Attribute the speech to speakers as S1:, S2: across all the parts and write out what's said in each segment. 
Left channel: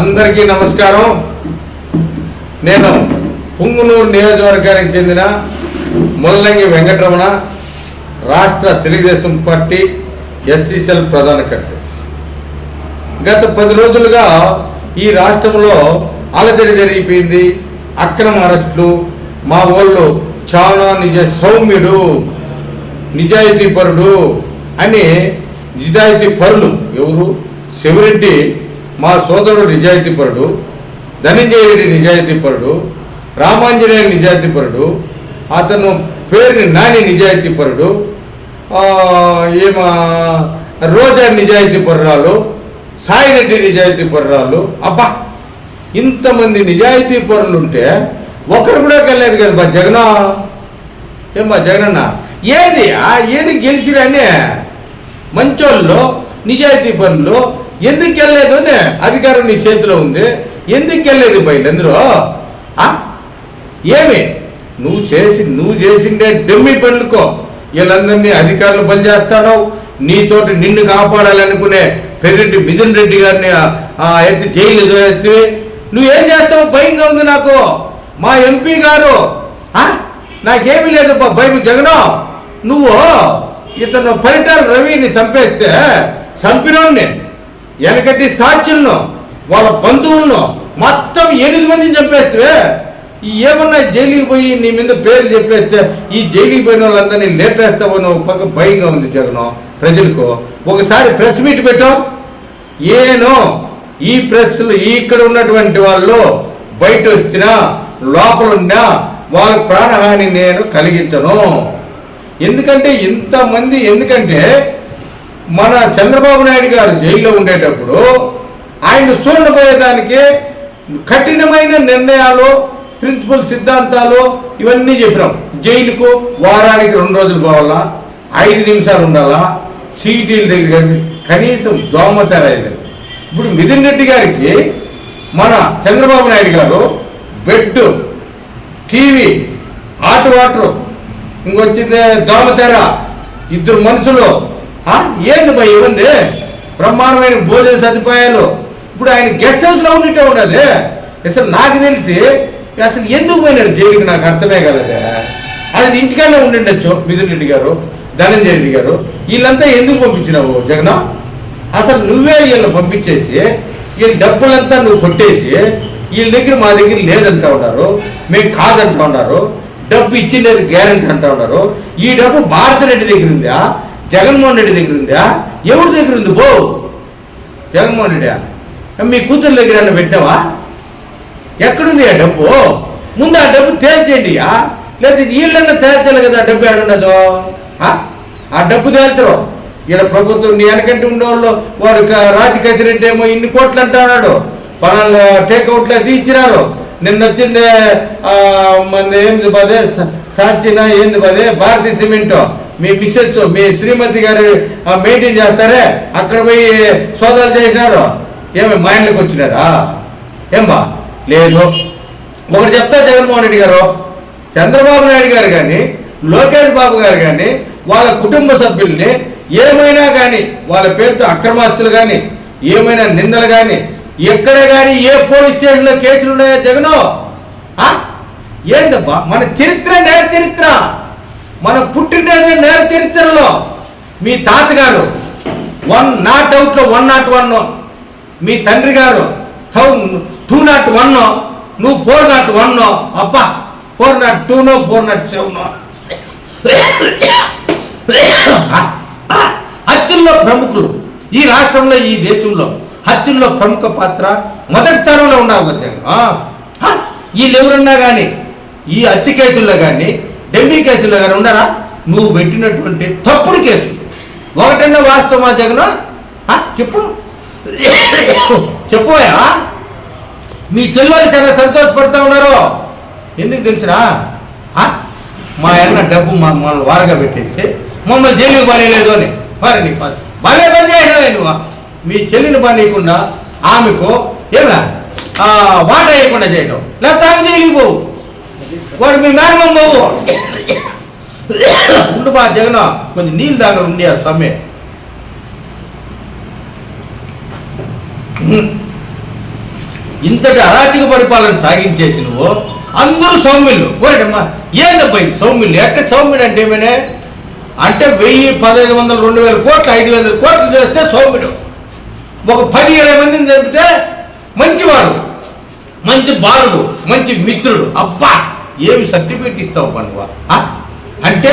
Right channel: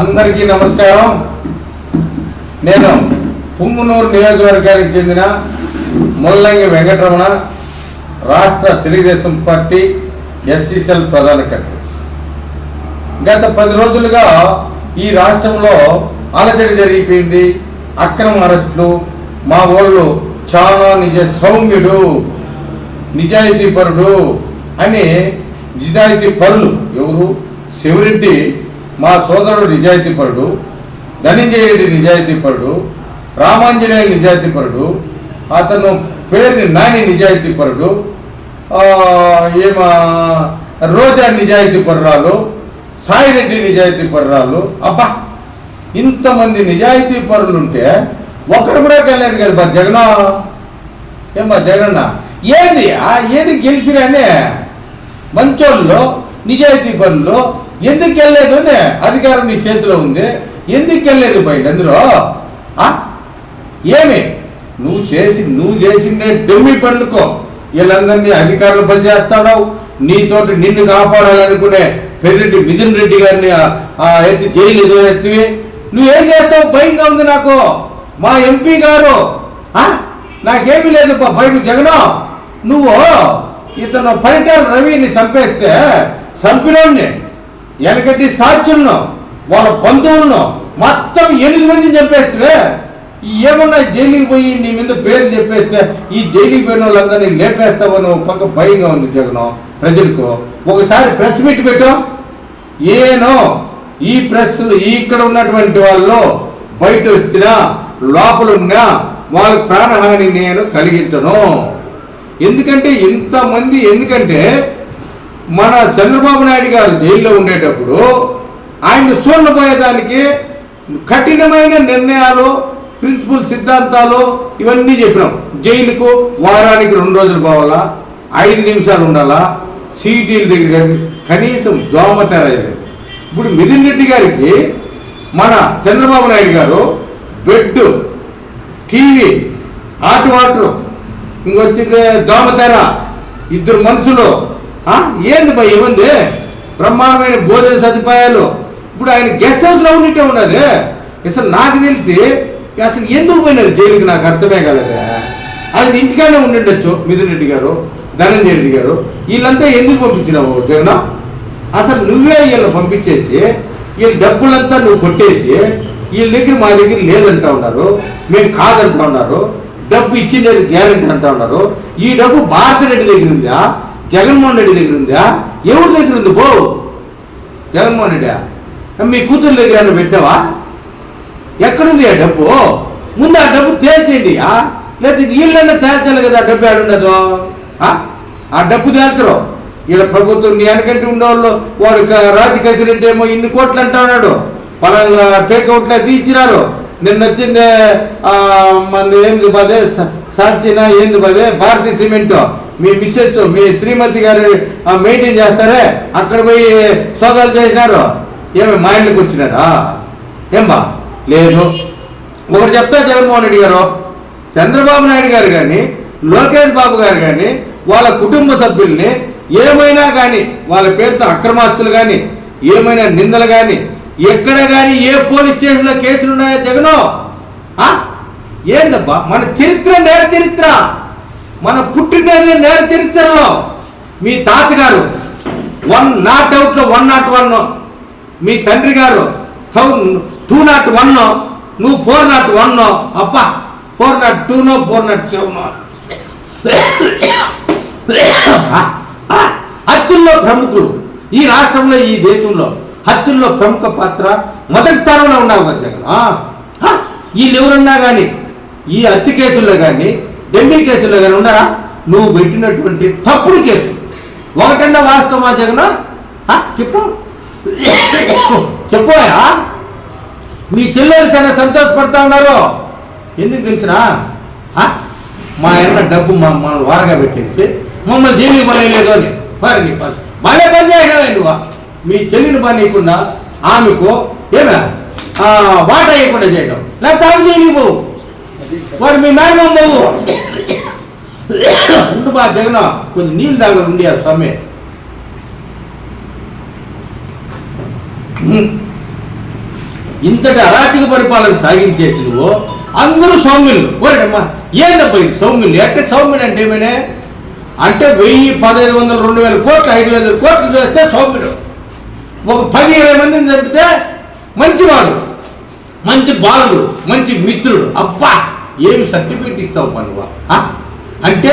S1: అందరికీ నమస్కారం. నేను పుంగునూరు నియోజకవర్గానికి చెందిన ముల్లంగి వెంకటరమణ రాష్ట్ర తెలుగుదేశం పార్టీ ఎస్సీసెల్ ప్రధాన కార్యదర్శి. గత పది రోజులుగా ఈ రాష్ట్రంలో అలజడి జరిగిపోయింది అక్రమ అరెస్టులు మా వాళ్ళు చాలా నిజ సౌమ్యుడు నిజాయితీ పరుడు అని నిజాయితీ పరులు ఎవరు? శివరెడ్డి మా సోదరుడు నిజాయితీ పరుడు నిజాయితీపరుడు నిజాయితీ పరుడు రామాంజనేయ నిజాయితీ పరుడు అతను పేరుని నాని నిజాయితీ పరుడు ఏమ రోజా నిజాయితీపరురాలు సాయిరెడ్డి నిజాయితీపరురాలు అబ్బా! ఇంతమంది నిజాయితీ ఒకరు కూడా వెళ్ళలేదు కదా మా జగన్. ఏమా జగనన్న? ఏది? ఆ ఏది గెలిచిరానే? మంచోళ్ళు నిజాయితీ పనులు ఎందుకు వెళ్ళలేదు అధికారం నీ చేతిలో ఉంది. ఎందుకు వెళ్ళలేదు బయట అందరూ ఆ? ఏమి? నువ్వు చేసి నువ్వు చేసిందే డెమ్మి పనులకో వీళ్ళందరినీ అధికారులు పనిచేస్తాడు నీతోటి నిన్ను కాపాడాలనుకునే పెద్దిరెడ్డి మిథున్ రెడ్డి గారిని ఎత్తి జైలు ఎత్తివి నువ్వేం చేస్తావు? భయంగా ఉంది నాకు. మా ఎంపీ గారు ఆ? నాకేమీ లేదు భయం జగను. నువ్వు ఇతను పరిటాల రవిని చంపేస్తే చంపినోడిని వెనకటి సాక్షులను వాళ్ళ బంధువులను మొత్తం ఎనిమిది మందిని చంపేస్తే ఏమన్నా జైలుకి పోయి నీ మీద పేర్లు చెప్పేస్తే ఈ జైలుకి పోయిన వాళ్ళందరినీ లేపేస్తావో నువ్వు పక్క భయంగా ఉంది జగన్. ప్రజలకు ఒకసారి ప్రెస్ మీట్ పెట్టు. ఏనో ఈ ప్రెస్లు ఇక్కడ ఉన్నటువంటి వాళ్ళు బయట వచ్చినా లోపలున్నా వాళ్ళ ప్రాణహాని నేను కలిగించను. ఎందుకంటే ఇంతమంది ఎందుకంటే మన చంద్రబాబు నాయుడు గారు జైల్లో ఉండేటప్పుడు ఆయన చూడబోయేదానికి కఠినమైన నిర్ణయాలు ప్రిన్సిపల్ సిద్ధాంతాలు ఇవన్నీ చెప్పినాం. జైలుకు వారానికి రెండు రోజులు పోవాలా? ఐదు నిమిషాలు ఉండాలా? సీటీల దగ్గర కానీ కనీసం దోమతెర లేదు ఇప్పుడు మిథున్ రెడ్డి గారికి మన చంద్రబాబు నాయుడు గారు బెడ్ టీవీ హాట్ వాటర్ ఇంకొచ్చింది దోమతెర ఇద్దరు మనుషులు ఏంది భయ ఇవ్వండి బ్రహ్మాండమైన భోజన సదుపాయాలు. ఇప్పుడు ఆయన గెస్ట్ హౌస్లో ఉన్నట్టే ఉన్నది. అసలు నాకు తెలిసి అసలు ఎందుకు పోయినారు జైలుకి? నాకు అర్థమే కలదు? అది ఇంటికానే ఉండిండొచ్చు మిథున్ రెడ్డి గారు ధనంజయ రెడ్డి గారు. వీళ్ళంతా ఎందుకు పంపించినావు జగన్? అసలు నువ్వే వీళ్ళు పంపించేసి వీళ్ళ డబ్బులంతా నువ్వు కొట్టేసి వీళ్ళ దగ్గర మా దగ్గర లేదంటా ఉన్నారు మేము కాదంటా ఉన్నారు డబ్బు ఇచ్చిందని గ్యారంటీ అంటా ఉన్నారు. ఈ డబ్బు భారత రెడ్డి దగ్గర ఉందా? జగన్మోహన్ రెడ్డి దగ్గర ఉందా ఎవరి దగ్గర ఉంది బో! జగన్మోహన్ రెడ్డి మీ కూతురు దగ్గర ఏమన్నా పెట్టావా ఎక్కడుంది ఆ డబ్బు? ముందు ఆ డబ్బు తేల్చేయండి లేదా వీళ్ళన్నా తేల్చాలి కదా ఆ డబ్బు ఏడున్నదో ఆ? డబ్బు తేల్చరు ఇలా ప్రభుత్వం నీ వెనకంటే ఉన్నవాళ్ళు వాడు క- రాజకేశ్వర రెడ్డి ఏమో ఇన్ని కోట్లు అంటా ఉన్నాడు. పలానా టేక్అవుట్లు అది ఇచ్చినారు నిన్న వచ్చింది మన ఏంది పదే స- ఏంది పదే భారతీయ సిమెంట్. మీ మిస్సెస్ మీ శ్రీమతి గారు మెయింటైన్ చేస్తారే? అక్కడ పోయి సోదాలు చేసినారు ఏమి మా ఇంట్లోకి వచ్చినారా? ఏం బా లేదు. ఒకటి చెప్తా జగన్మోహన్ రెడ్డి గారు. చంద్రబాబు నాయుడు గారు కానీ లోకేష్ బాబు గారు కానీ వాళ్ళ కుటుంబ సభ్యుల్ని ఏమైనా కానీ వాళ్ళ పేరుతో అక్రమాస్తులు కానీ ఏమైనా నిందలు కానీ ఎక్కడ కానీ ఏ పోలీస్ స్టేషన్లో కేసులు ఉన్నాయా జగను ఏందబ్బా? మన చరిత్ర నేర చరిత్ర. మన పుట్టినది నేర చరిత్రలో మీ తాతగారు వన్ నాట్ అవుట్లో వన్ నాట్ వన్ మీ తండ్రి గారు టూ నాట్ వన్ నువ్వు ఫోర్ నాట్ వన్ అప్ప ఫోర్ నాట్ టూనో ఫోర్ నాట్ సెవెన్ హత్యల్లో ప్రముఖులు ఈ రాష్ట్రంలో ఈ దేశంలో హత్యల్లో ప్రముఖ పాత్ర మొదటి స్థానంలో ఉన్నావు జగన్ ఆ? వీళ్ళు ఎవరున్నా కానీ ఈ హత్య కేసుల్లో కానీ ఢిల్లీ కేసులు కానీ ఉన్నారా? నువ్వు పెట్టినటువంటి తప్పుడు కేసు. ఒకటన్నా వాస్తవమా జగన్? చెప్పు. చెప్పోయా మీ చెల్లెలు చాలా సంతోషపడతా ఉన్నారు. ఎందుకు తెలిసినా ఆ? మా అన్న డబ్బు మా మమ్మల్ని వారగా పెట్టేసి మమ్మల్ని జైలు పనిలేదు అని. మరి నీ పని భలే పని చేసినవే నువ్వు. మీ చెల్లిని పని ఇవ్వకుండా ఆమెకు ఏమే ఆ, వాట వేయకుండా చేయడం లేకపోతే ఆమె జైలుకి పోవు. వాడు మీ మేనమామ పోవు ఉండు బా జగన్ కొన్ని నీళ్ళు దాకా ఉండి ఆ స్వామి. ఇంతటి అరాచక పరిపాలన సాగించేసి నువ్వు అందరూ సౌమ్యులు. ఒరేటమ్మా ఏందబ్బా ఇది సౌమ్యులు? ఎట్ట సౌమ్యుడు అంటే ఏమనే? అంటే వెయ్యి పదహైదు వందలు రెండు వేల కోట్లు ఐదు వందల కోట్లు చేస్తే సౌమ్యుడు. ఒక పది ఇరవై మందిని చెప్తే మంచివాడు మంచి బాలుడు మంచి మిత్రుడు. అబ్బా! ఏమి సర్టిఫికెట్ ఇస్తావు పనువా? అంటే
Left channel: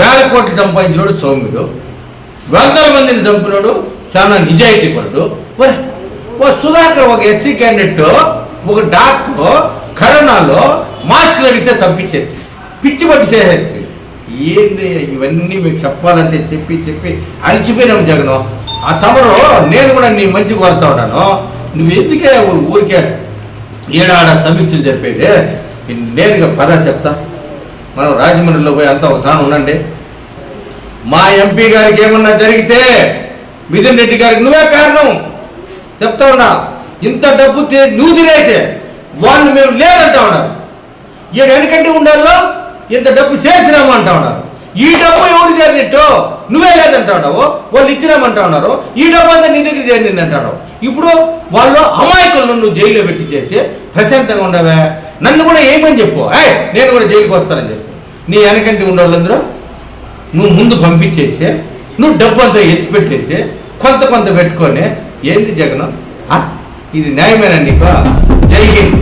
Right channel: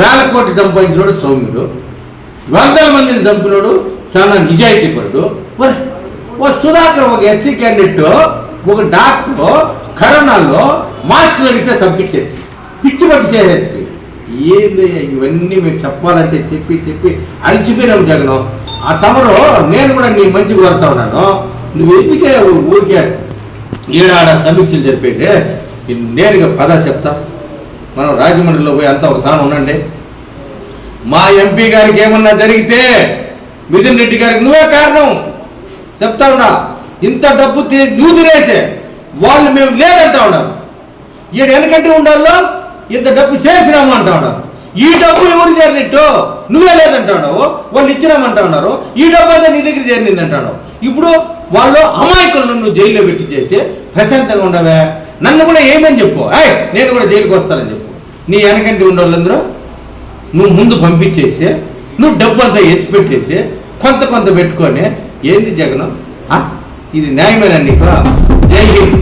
S1: వేల కోట్లు సంపాదించినోడు సౌమ్యుడు వందల మందిని చంపినోడు చాలా నిజాయితీ పరుడు. మరి ఓ సుధాకర్ ఒక ఎస్సీ క్యాండిడేట్ ఒక డాక్టర్ కరోనాలో మాస్కులు అడిగితే సంపించేస్తుంది పిచ్చి పట్టి చేసేస్తుంది. ఏంది ఇవన్నీ మీకు చెప్పాలంటే చెప్పి చెప్పి అలిచిపోయినాము జగన్. ఆ తమరు నేను కూడా నీ మంచి కోరుతా ఉన్నాను. నువ్వు ఎందుకే ఊరికే ఏడాడ సమీక్షలు చెప్పేది నేరుగా పద చెప్తా. మనం రాజమండ్రిలో పోయి అంతా ఒక తాను ఉండండి. మా ఎంపీ గారికి ఏమన్నా జరిగితే మిథున్ రెడ్డి గారికి నువ్వే కారణం. చెప్తా ఉన్నా ఇంత డబ్బు నువ్వు తినేసే. వాళ్ళు మేము లేదంటా ఉన్నారు ఈయన వెనకంటే ఉండాలో ఇంత డబ్బు చేసినాము అంటా ఉన్నారు ఈ డబ్బు ఎవరు చేరినట్టు? నువ్వే లేదంటా ఉన్నావు వాళ్ళు ఇచ్చినామంటా ఉన్నారు. ఈ డబ్బు అంతా నీ దగ్గర చేరింది అంటాడు ఇప్పుడు వాళ్ళు అమాయకులను నువ్వు జైల్లో పెట్టి చేసి ప్రశాంతంగా ఉండవే. నన్ను కూడా ఏమని చెప్పు? ఏయ్ నేను కూడా జైలుకి వస్తానని చెప్పు. నీ వెనకంటే వాళ్ళందరూ నువ్వు ముందు పంపించేసి నువ్వు డబ్బు అంతా ఎత్తి పెట్టేసి కొంత కొంత పెట్టుకొని ఏంది జగనం? ఇది న్యాయమేనా నీకు? జై హింద్.